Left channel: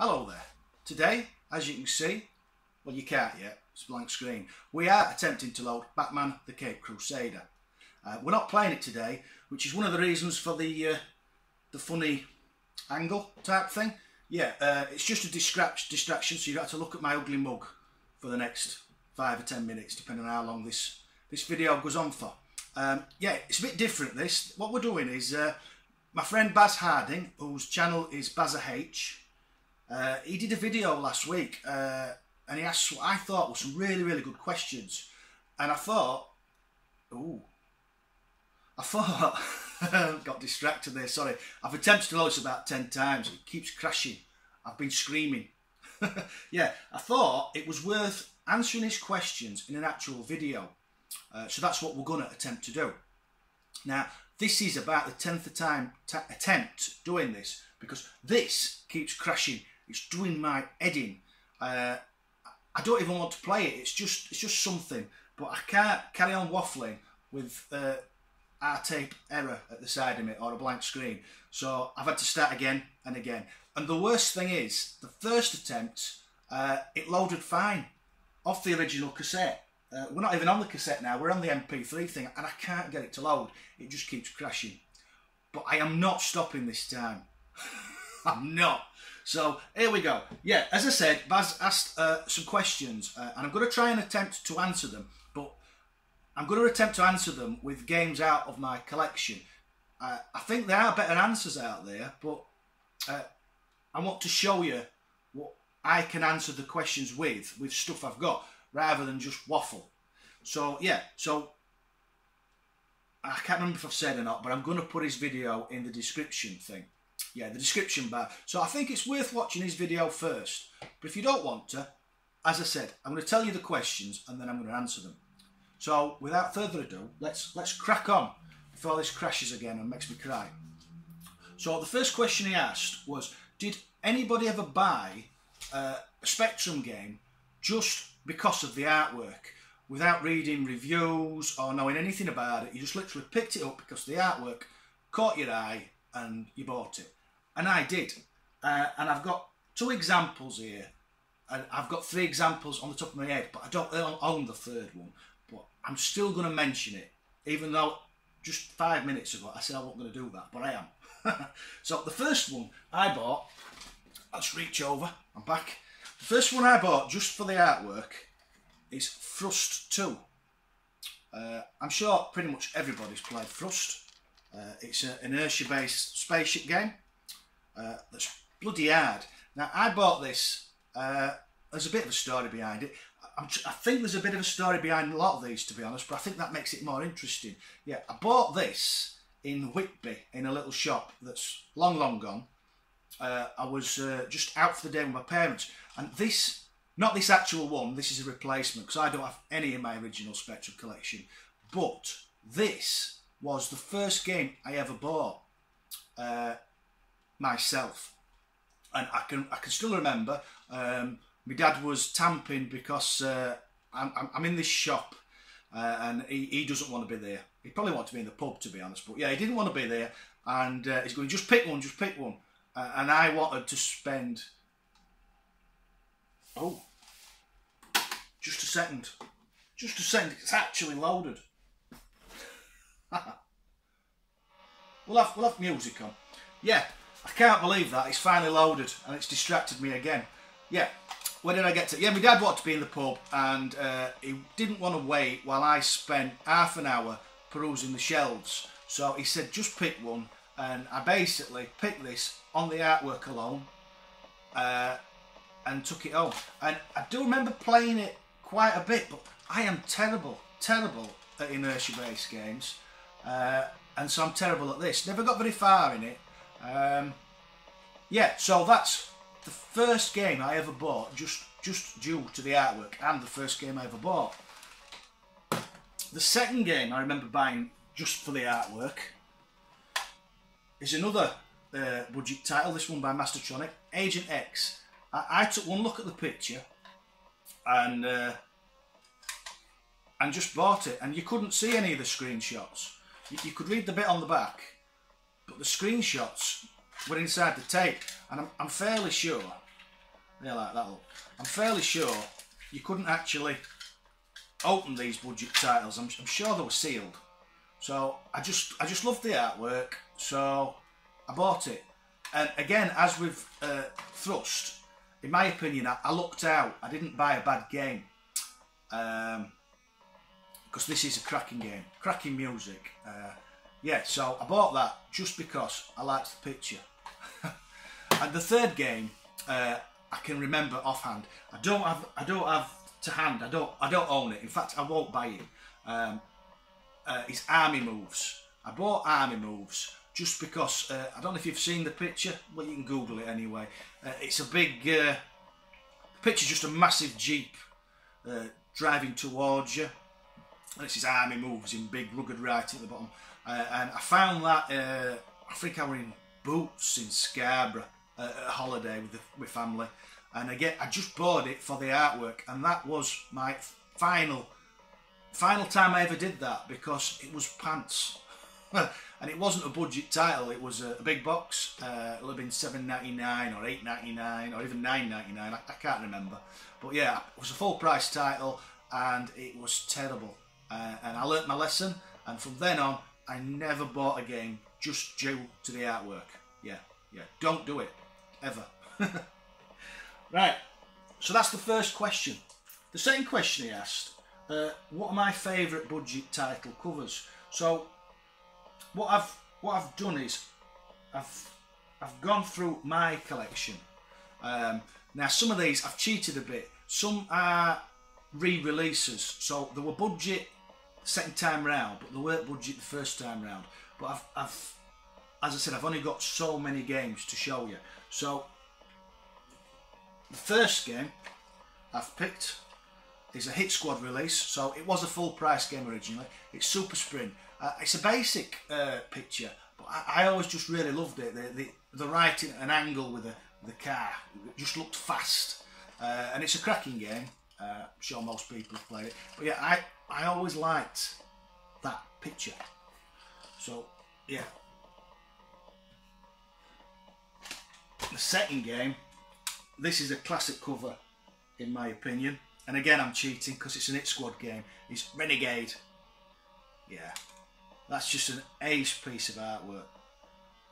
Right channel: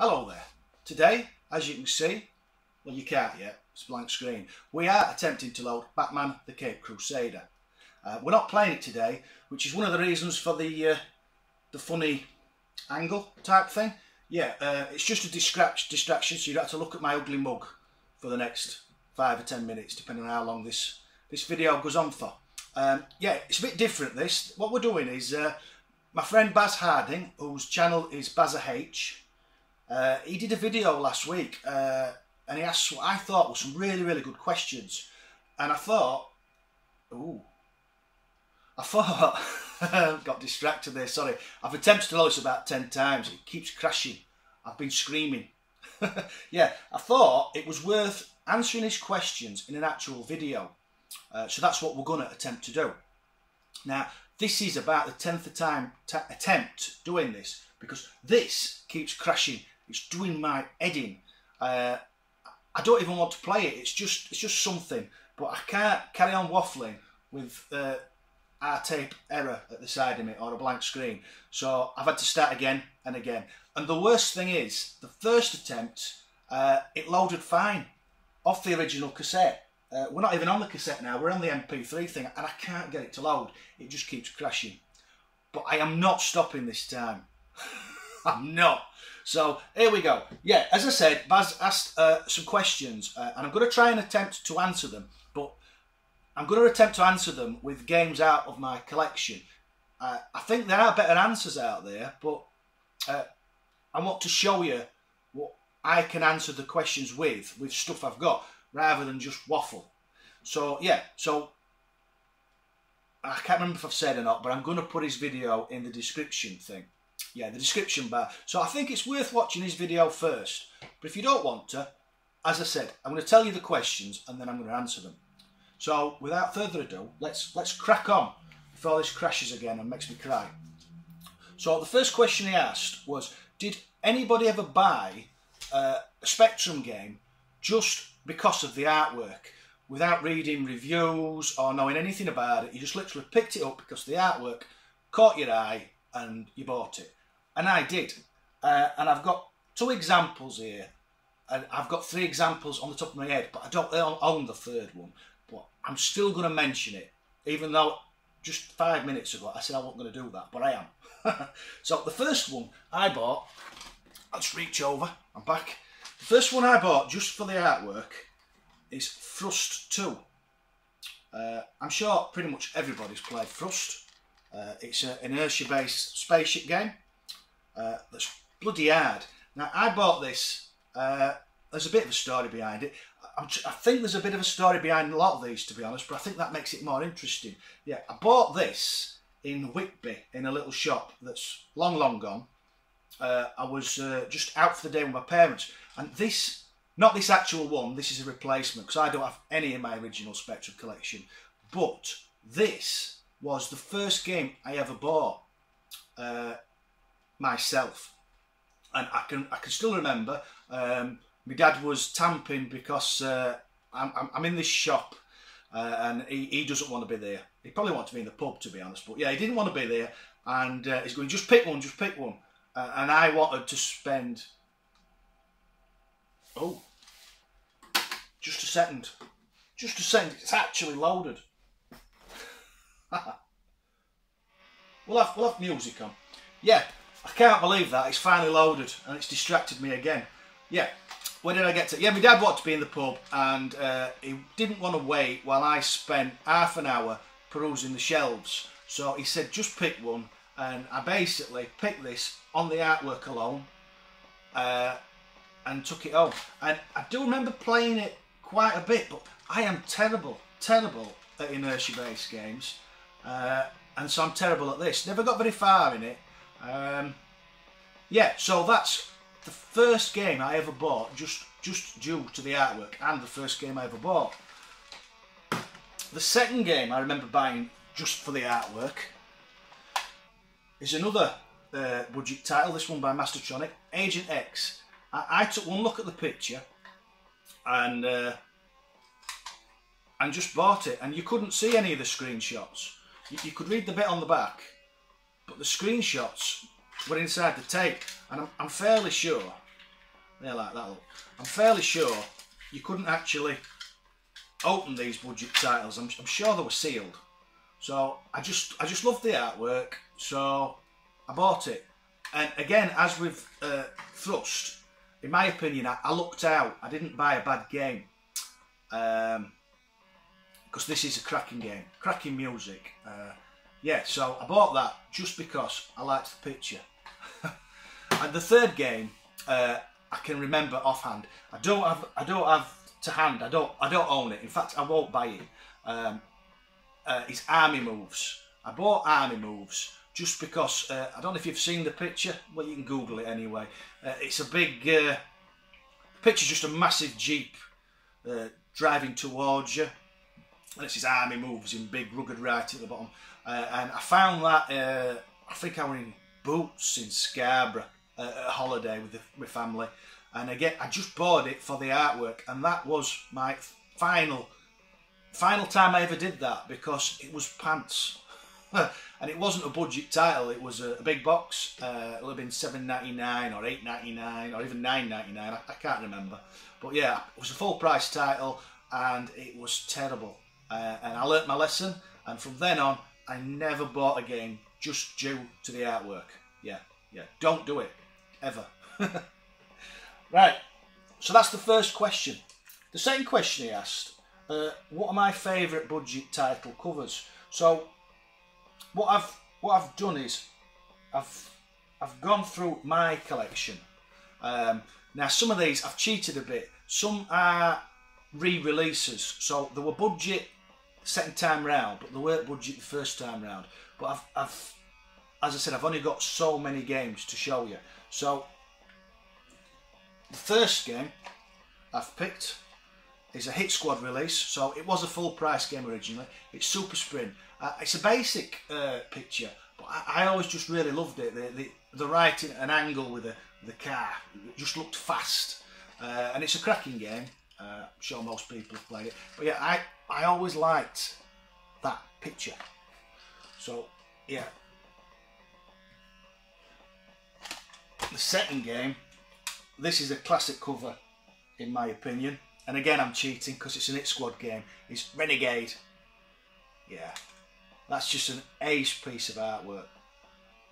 Hello there. Today, as you can see, well you can't yet, it's a blank screen, we are attempting to load Batman the Caped Crusader. We're not playing it today, which is one of the reasons for the funny angle type thing. Yeah, it's just a distraction, so you don't have to look at my ugly mug for the next 5 or 10 minutes, depending on how long this video goes on for. Yeah, it's a bit different this. What we're doing is, my friend Baz Harding, whose channel is BazzaH, he did a video last week and he asked what I thought were some really good questions, and I thought got distracted there, sorry. I've attempted to load this about 10 times, it keeps crashing, I've been screaming. Yeah, I thought it was worth answering his questions in an actual video, so that's what we're going to attempt to do. Now this is about the 10th time attempt doing this, because this keeps crashing. It's doing my head in. I don't even want to play it. It's just something. But I can't carry on waffling with R-tape error at the side of it or a blank screen. So I've had to start again and again. And the worst thing is, the first attempt, it loaded fine off the original cassette. We're not even on the cassette now. We're on the MP3 thing, and I can't get it to load. It just keeps crashing. But I am not stopping this time. I'm not. So here we go. Yeah, as I said, Baz asked some questions, and I'm going to try and attempt to answer them, but I'm going to attempt to answer them with games out of my collection. I think there are better answers out there, but I want to show you what I can answer the questions with stuff I've got, rather than just waffle. So yeah, so I can't remember if I've said or not, but I'm going to put his video in the description thing. Yeah, the description bar. So I think it's worth watching his video first. But if you don't want to, as I said, I'm going to tell you the questions and then I'm going to answer them. So without further ado, let's crack on before this crashes again and makes me cry. So the first question he asked was, did anybody ever buy a Spectrum game just because of the artwork, without reading reviews or knowing anything about it? You just literally picked it up because the artwork caught your eye and you bought it. And I did. And I've got 2 examples here. And I've got 3 examples on the top of my head, but I don't own the 3rd one. But I'm still going to mention it, even though just 5 minutes ago I said I wasn't going to do that, but I am. So the first one I bought, let's reach over, I'm back. The first one I bought just for the artwork is Thrust 2. I'm sure pretty much everybody's played Thrust. It's an inertia-based spaceship game that's bloody hard. Now, I bought this, there's a bit of a story behind it. I think there's a bit of a story behind a lot of these, to be honest, but I think that makes it more interesting. Yeah, I bought this in Whitby, in a little shop that's long gone. I was just out for the day with my parents, and this, not this actual one, this is a replacement, because I don't have any in my original Spectrum collection, but this was the first game I ever bought myself, and I can still remember. My dad was tamping because I'm in this shop and he doesn't want to be there. He probably wanted to be in the pub, to be honest, but yeah, he didn't want to be there, and he's going, just pick one, and I wanted to spend, just a second, it's actually loaded. We'll have music on. Yeah, I can't believe that. It's finally loaded and it's distracted me again. Yeah, where did I get to? Yeah, my dad wanted to be in the pub, and he didn't want to wait while I spent half an hour perusing the shelves. So he said, just pick one, and I basically picked this on the artwork alone and took it home. And I do remember playing it quite a bit, but I am terrible at inertia-based games. And so I'm terrible at this. Never got very far in it. Yeah, so that's the first game I ever bought, just due to the artwork, and the first game I ever bought. The second game I remember buying just for the artwork is another budget title, this one by Mastertronic, Agent X. I took one look at the picture and just bought it, and you couldn't see any of the screenshots. You could read the bit on the back, but the screenshots were inside the tape, and I'm fairly sure They like that look. I'm fairly sure you couldn't actually open these budget titles. I'm sure they were sealed. So I just loved the artwork, so I bought it. And again, as with Thrust, in my opinion, I lucked out. I didn't buy a bad game. Because this is a cracking game, cracking music. Yeah, so I bought that just because I liked the picture. And the third game, I can remember offhand. I don't have to hand. I don't own it. In fact, I won't buy it. It's Army Moves. I bought Army Moves just because I don't know if you've seen the picture. Well, you can Google it anyway. It's a big picture's just a massive Jeep driving towards you. And it says Army Moves in big rugged writing at the bottom. And I found that, I think I were in Boots in Scarborough at a holiday with my family. And again, I just bought it for the artwork. And that was my final time I ever did that, because it was pants. And it wasn't a budget title, it was a big box. It would have been $7.99 or $8.99 or even $9.99, I can't remember. But yeah, it was a full price title and it was terrible. And I learnt my lesson, and from then on I never bought a game just due to the artwork. Yeah, don't do it, ever. Right, so that's the first question. The second question he asked, what are my favourite budget title covers? So what I've done is I've gone through my collection. Now some of these I've cheated a bit. Some are re-releases, so they were budget second time round, but they weren't budget the first time round. But I've as I said, I've only got so many games to show you. So the first game I've picked is a Hit Squad release. So it was a full price game originally. It's Super Sprint. It's a basic picture, but I always just really loved it. The writing at an angle with the car, it just looked fast, and it's a cracking game. I'm sure most people have played it, but yeah, I always liked that picture. So yeah, the second game, this is a classic cover in my opinion, and again I'm cheating because it's an Hit Squad game. It's Renegade. Yeah, that's just an ace piece of artwork.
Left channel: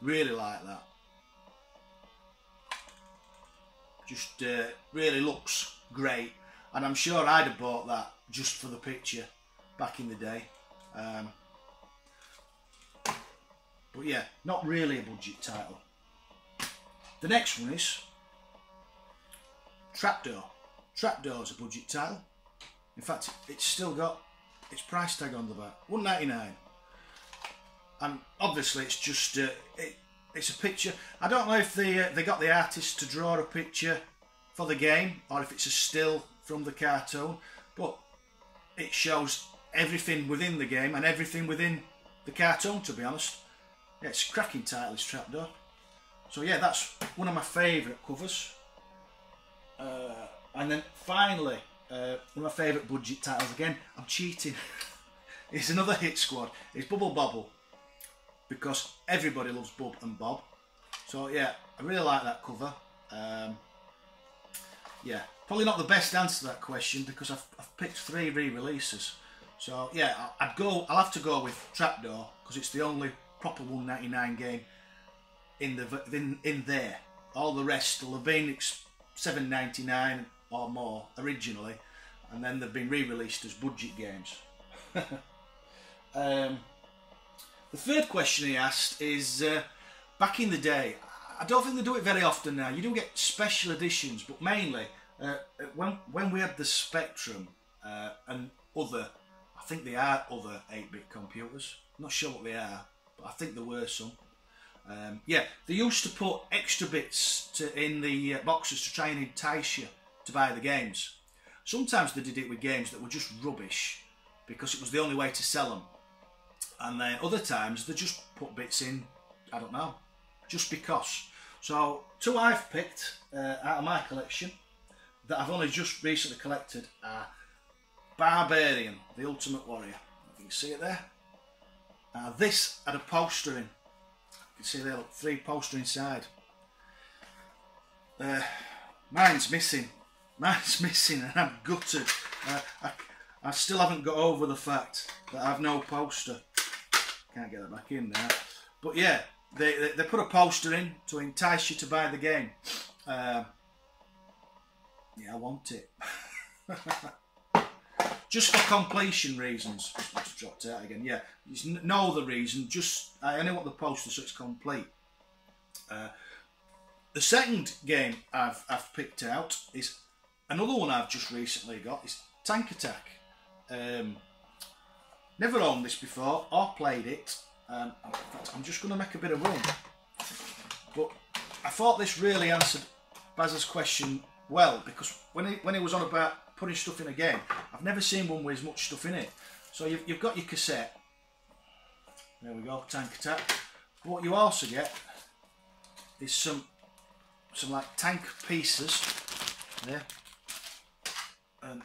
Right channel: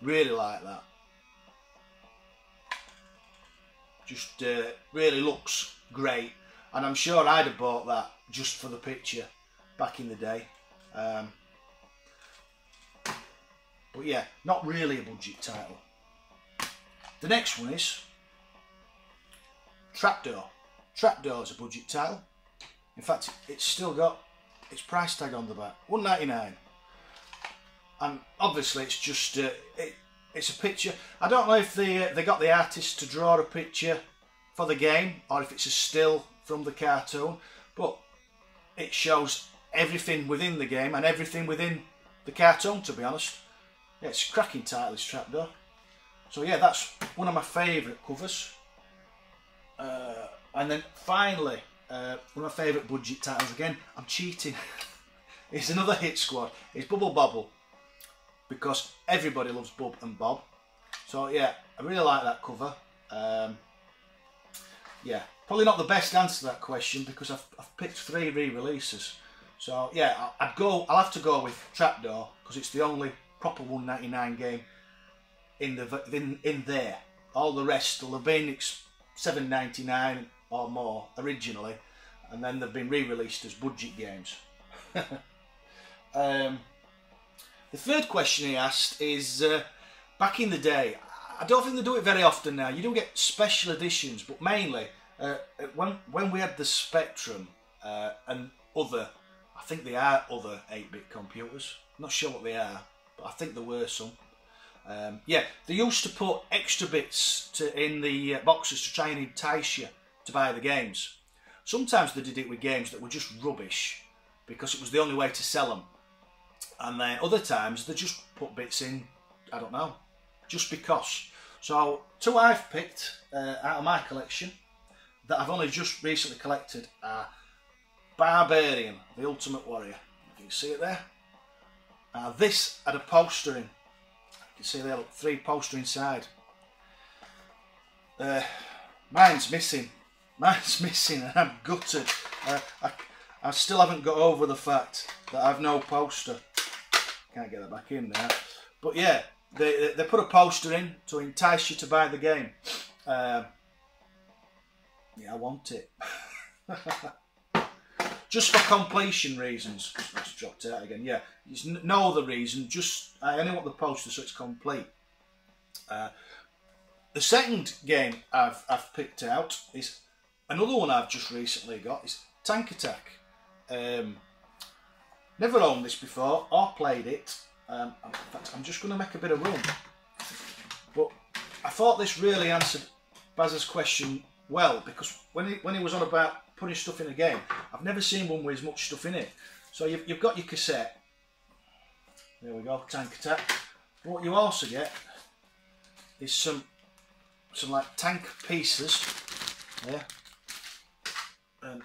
Really like that. Just really looks great. And I'm sure I'd have bought that just for the picture back in the day. But yeah, not really a budget title. The next one is Trapdoor. Trapdoor is a budget title. In fact, it's still got its price tag on the back, $1.99. And obviously it's just it's a picture. I don't know if they got the artist to draw a picture for the game or if it's a still from the cartoon, but it shows everything within the game and everything within the cartoon, to be honest. Yeah, it's a cracking title, this Trapdoor. So yeah, that's one of my favourite covers. And then finally, one of my favourite budget titles, again, I'm cheating. It's another Hit Squad. It's Bubble Bobble, because everybody loves Bub and Bob. So yeah, I really like that cover. Yeah, probably not the best answer to that question because I've picked 3 re-releases. So yeah, I'll have to go with Trapdoor because it's the only proper $1.99 game in there. All the rest will have been $7.99 or more originally, and then they've been re-released as budget games. The third question he asked is, back in the day, I don't think they do it very often now. You do get special editions, but mainly when we had the Spectrum and other, I think they are other 8-bit computers. I'm not sure what they are, but I think there were some. Yeah, they used to put extra bits in the boxes to try and entice you to buy the games. Sometimes they did it with games that were just rubbish because it was the only way to sell them. And then other times they just put bits in, I don't know, just because. So 2 I've picked out of my collection that I've only just recently collected are Barbarian, the Ultimate Warrior. You can see it there. This had a poster in. You can see there, look, 3 poster inside. Mine's missing. Mine's missing and I'm gutted. I still haven't got over the fact that I've no poster. Can't get that back in there. But yeah, they put a poster in to entice you to buy the game. Yeah, I want it. Just for completion reasons. It's dropped out again. Yeah, there's no other reason. Just I only want the poster so it's complete. The second game I've picked out is another one I've just recently got. It's Tank Attack. Never owned this before or played it. In fact, I'm just going to make a bit of room. But I thought this really answered Baz's question well, because when he was on about putting stuff in a game, I've never seen one with as much stuff in it. So you've got your cassette. There we go, Tank Attack. But what you also get is some like tank pieces there, and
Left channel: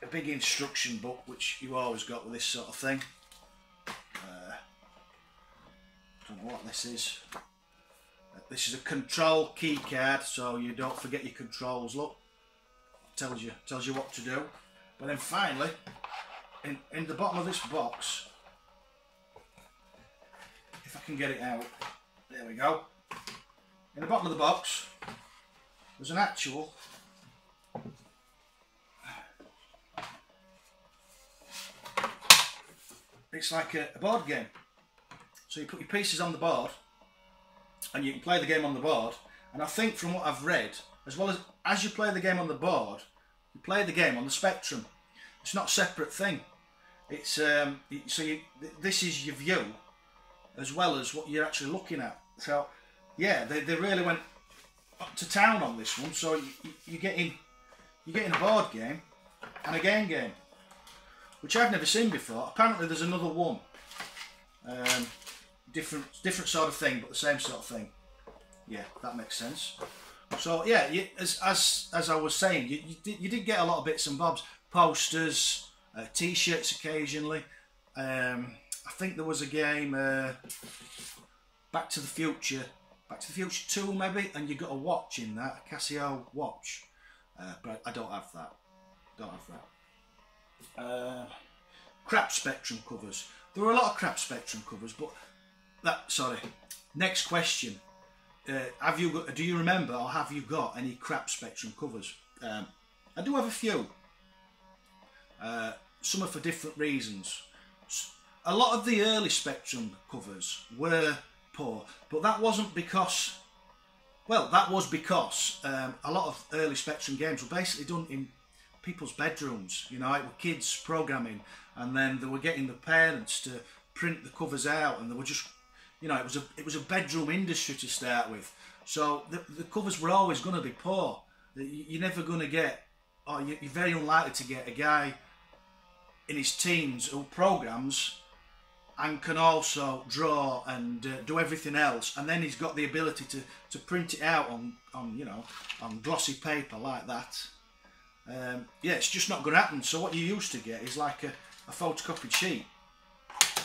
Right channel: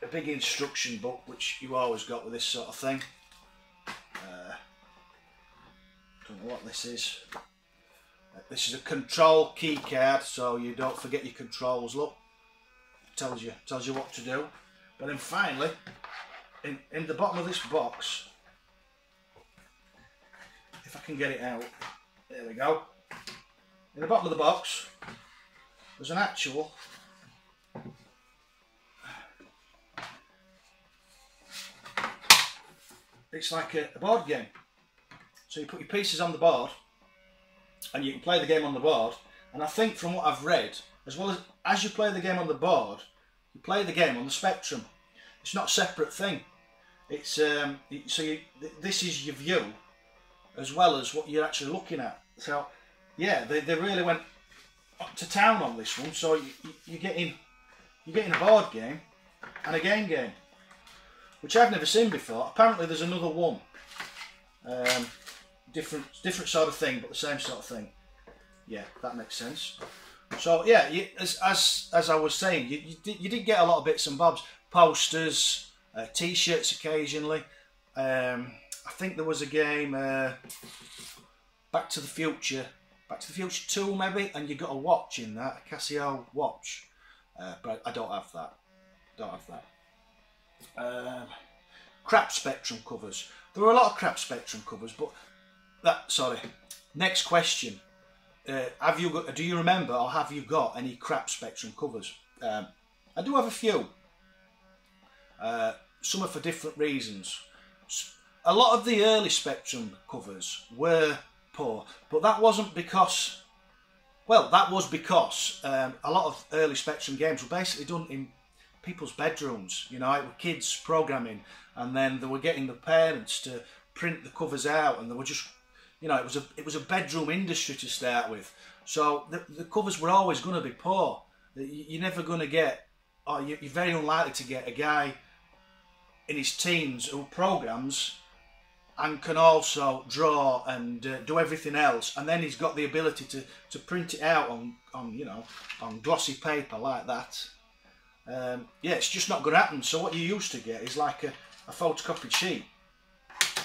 a big instruction book, which you always got with this sort of thing. Don't know what this is. This is a control key card, so you don't forget your controls. Look, tells you what to do. But then finally, in the bottom of this box, if I can get it out, there we go. In the bottom of the box, there's an actual it's like a board game. So you put your pieces on the board and you can play the game on the board. And I think from what I've read, as well as you play the game on the board, you play the game on the Spectrum. It's not a separate thing. It's this is your view as well as what you're actually looking at. So yeah, they really went to town on this one. So you're getting a board game and a game, which I've never seen before. Apparently there's another one, different sort of thing, but the same sort of thing. Yeah, that makes sense. So yeah, as I was saying, you did get a lot of bits and bobs, posters, T-shirts occasionally. I think there was a game, Back to the Future 2 maybe, and you got a watch in that, a Casio watch, but I don't have that. Crap Spectrum covers. There were a lot of crap Spectrum covers, but next question. Do you remember, or have you got any crap Spectrum covers? I do have a few. Some are for different reasons. A lot of the early Spectrum covers were poor, but that wasn't because, well, that was because a lot of early Spectrum games were basically done in people's bedrooms. You know, it were kids programming, and then they were getting the parents to print the covers out, and they were just, you know, it was a bedroom industry to start with. So the covers were always going to be poor. You're never going to get, or you're very unlikely to get a guy in his teens who programs and can also draw and do everything else, and then he's got the ability to print it out on glossy paper like that. Yeah, it's just not going to happen. So what you used to get is like a photocopied sheet,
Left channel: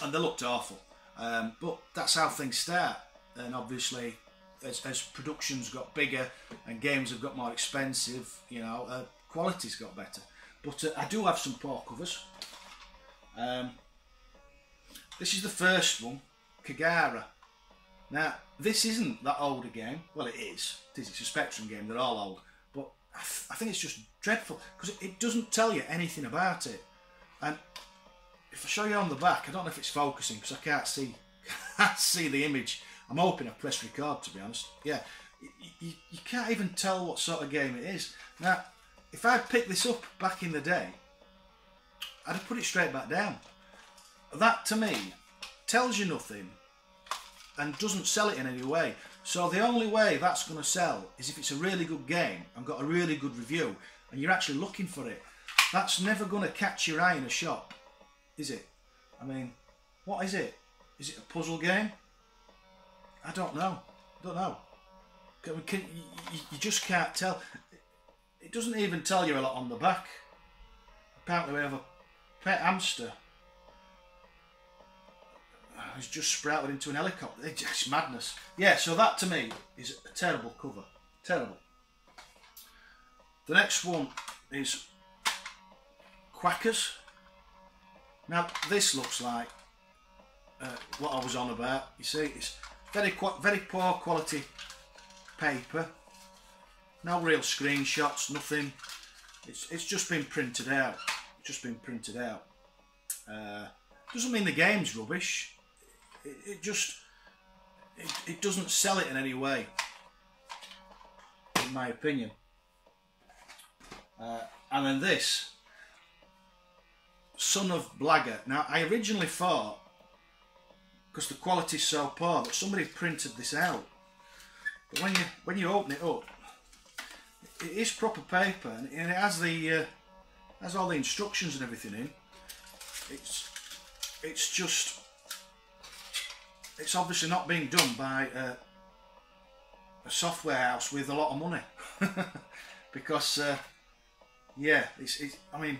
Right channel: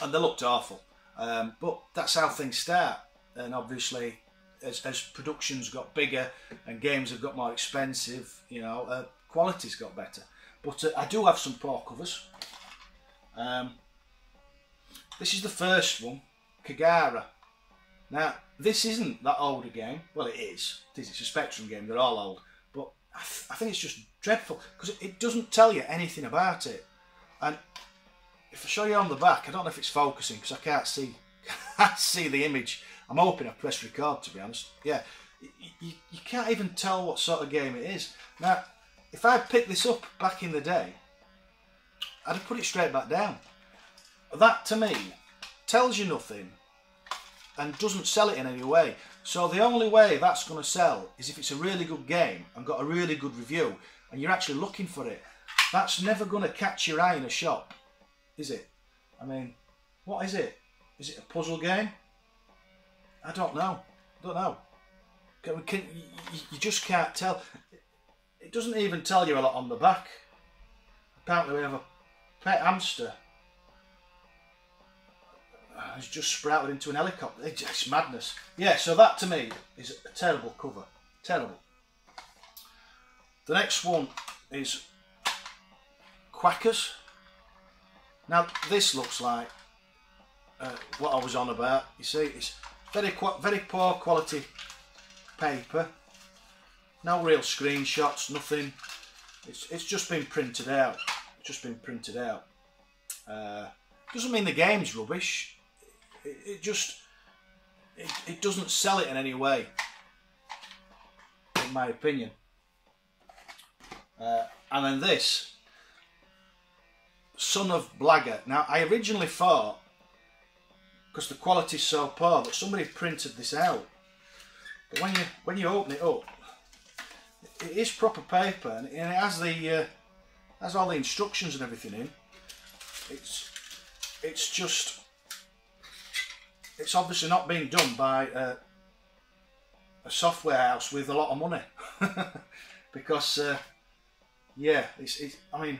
and they looked awful. But that's how things start, and obviously as productions got bigger and games have got more expensive, you know, quality's got better. But I do have some poor covers. This is the first one, Kagara. Now, this isn't that old a game. Well, it is. It's a Spectrum game. They're all old. But I think it's just dreadful because it doesn't tell you anything about it. And if I show you on the back, I don't know if it's focusing because I can't see the image. I'm hoping I pressed record, to be honest. Yeah, you can't even tell what sort of game it is. Now, if I picked this up back in the day, I'd have put it straight back down. That, to me, tells you nothing and doesn't sell it in any way. So the only way that's going to sell is if it's a really good game and got a really good review and you're actually looking for it. That's never going to catch your eye in a shop, is it? I mean, what is it? Is it a puzzle game? I don't know. You just can't tell. It doesn't even tell you a lot on the back. Apparently we have a pet hamster. It's just sprouted into an helicopter. It's madness. Yeah, so that to me is a terrible cover. Terrible. The next one is Quackers. Now this looks like what I was on about. You see, it's very poor quality paper. No real screenshots, nothing. It's just been printed out. Doesn't mean the game's rubbish. It doesn't sell it in any way, in my opinion. And then this, Son of Blagger. Now I originally thought, because the quality's so poor, that somebody printed this out. But when you open it up, it is proper paper, and it has has all the instructions and everything in. It's obviously not being done by a software house with a lot of money, because yeah, I mean,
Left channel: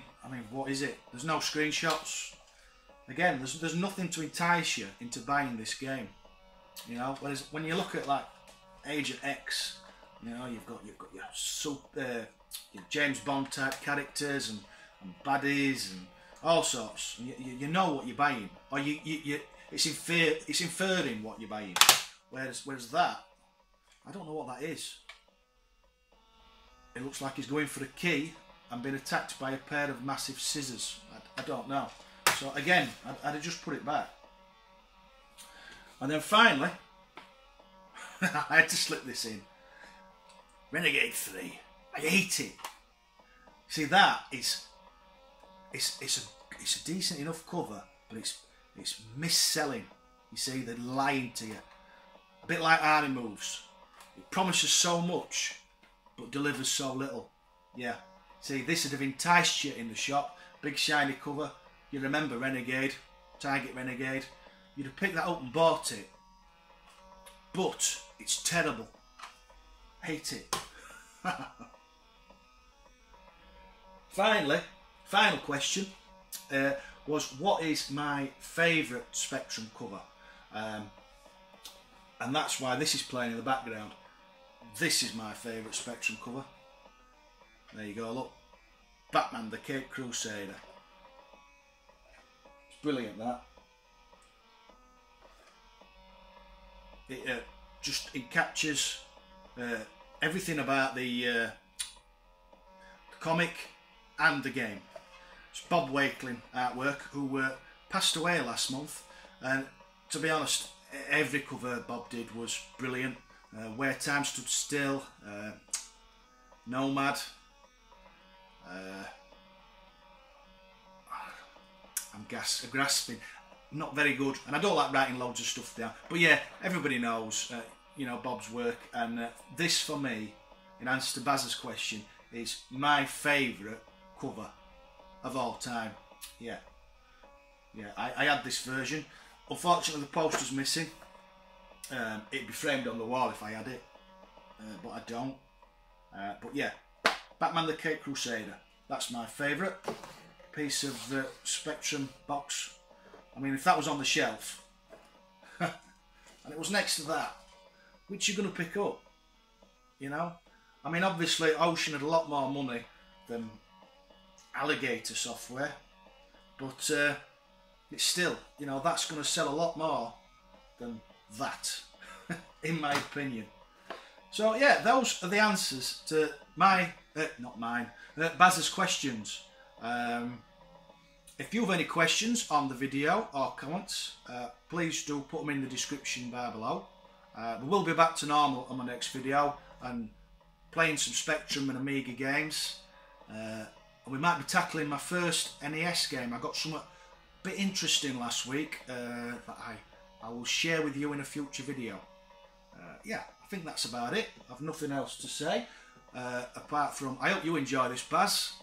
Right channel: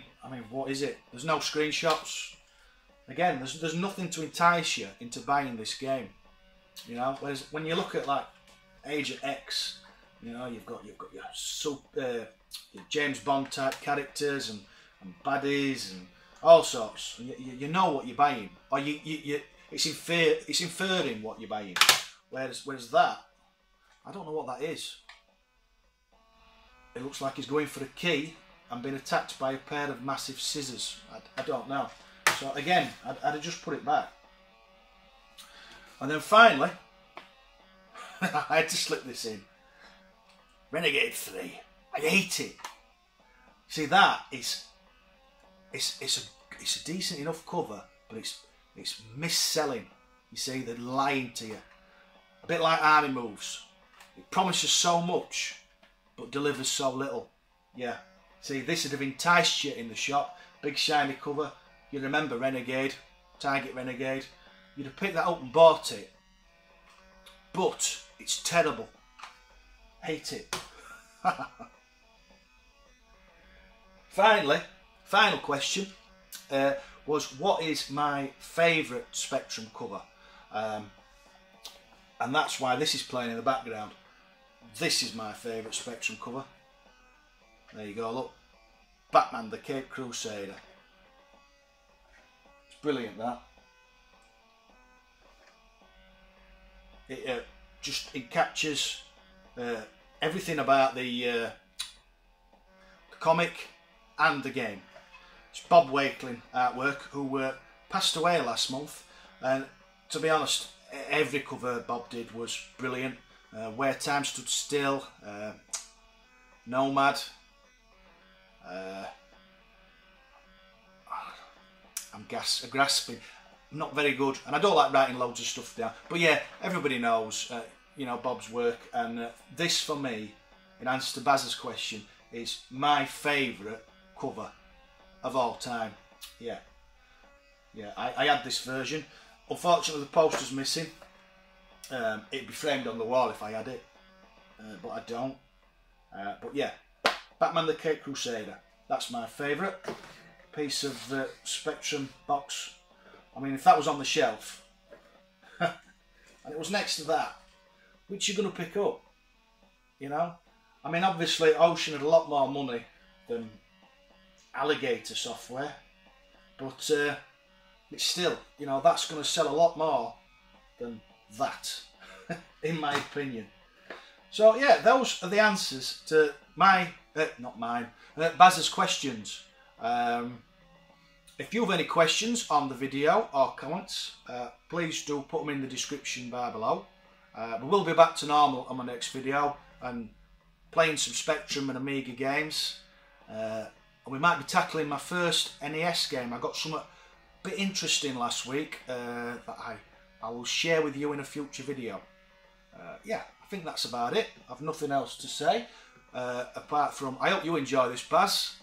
what is it? There's no screenshots. Again, there's nothing to entice you into buying this game, you know. Whereas when you look at like Agent X, you know, you've got your James Bond type characters and baddies and all sorts, and you know what you're buying, or it's inferring what you're buying. Whereas that, I don't know what that is. It looks like he's going for a key and being attacked by a pair of massive scissors. I don't know. So again, I'd have just put it back. And then finally, I had to slip this in. Renegade 3. I hate it. See, that is, it's a decent enough cover, but it's mis-selling. You see, they're lying to you. A bit like Army Moves. It promises so much, but delivers so little. Yeah. See, this would have enticed you in the shop. Big shiny cover. You remember Renegade, Target Renegade. You'd have picked that up and bought it. But it's terrible. Hate it. Finally, final question was, what is my favourite Spectrum cover? And that's why this is playing in the background. This is my favourite Spectrum cover. There you go, look. Batman the Caped Crusader. It's brilliant, that. It captures everything about the comic and the game. It's Bob Wakeling artwork, who passed away last month, and to be honest, every cover Bob did was brilliant. Where Time Stood Still, Nomad, I'm grasping, not very good, and I don't like writing loads of stuff down, but yeah, everybody knows you know, Bob's work, and this for me, in answer to Baz's question, is my favourite cover of all time. Yeah, I had this version. Unfortunately, the poster's missing. It'd be framed on the wall if I had it, but I don't. But yeah, Batman the Caped Crusader. That's my favourite piece of Spectrum box. I mean, if that was on the shelf and it was next to that, which you're going to pick up, you know? I mean, obviously Ocean had a lot more money than Alligator Software, but it's still, you know, that's going to sell a lot more than that, in my opinion. So yeah, those are the answers to my, not mine, Baz's questions. If you have any questions on the video or comments, please do put them in the description bar below. We will be back to normal on my next video and playing some Spectrum and Amiga games. And we might be tackling my first NES game. I got something a bit interesting last week that I will share with you in a future video. Yeah, I think that's about it. I've nothing else to say apart from I hope you enjoy this, Baz.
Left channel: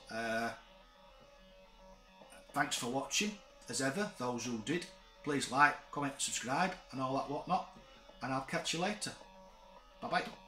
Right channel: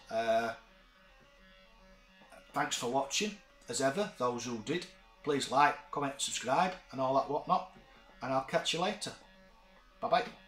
Thanks for watching, as ever, those who did. Please like, comment, subscribe and all that whatnot, and I'll catch you later. Bye bye.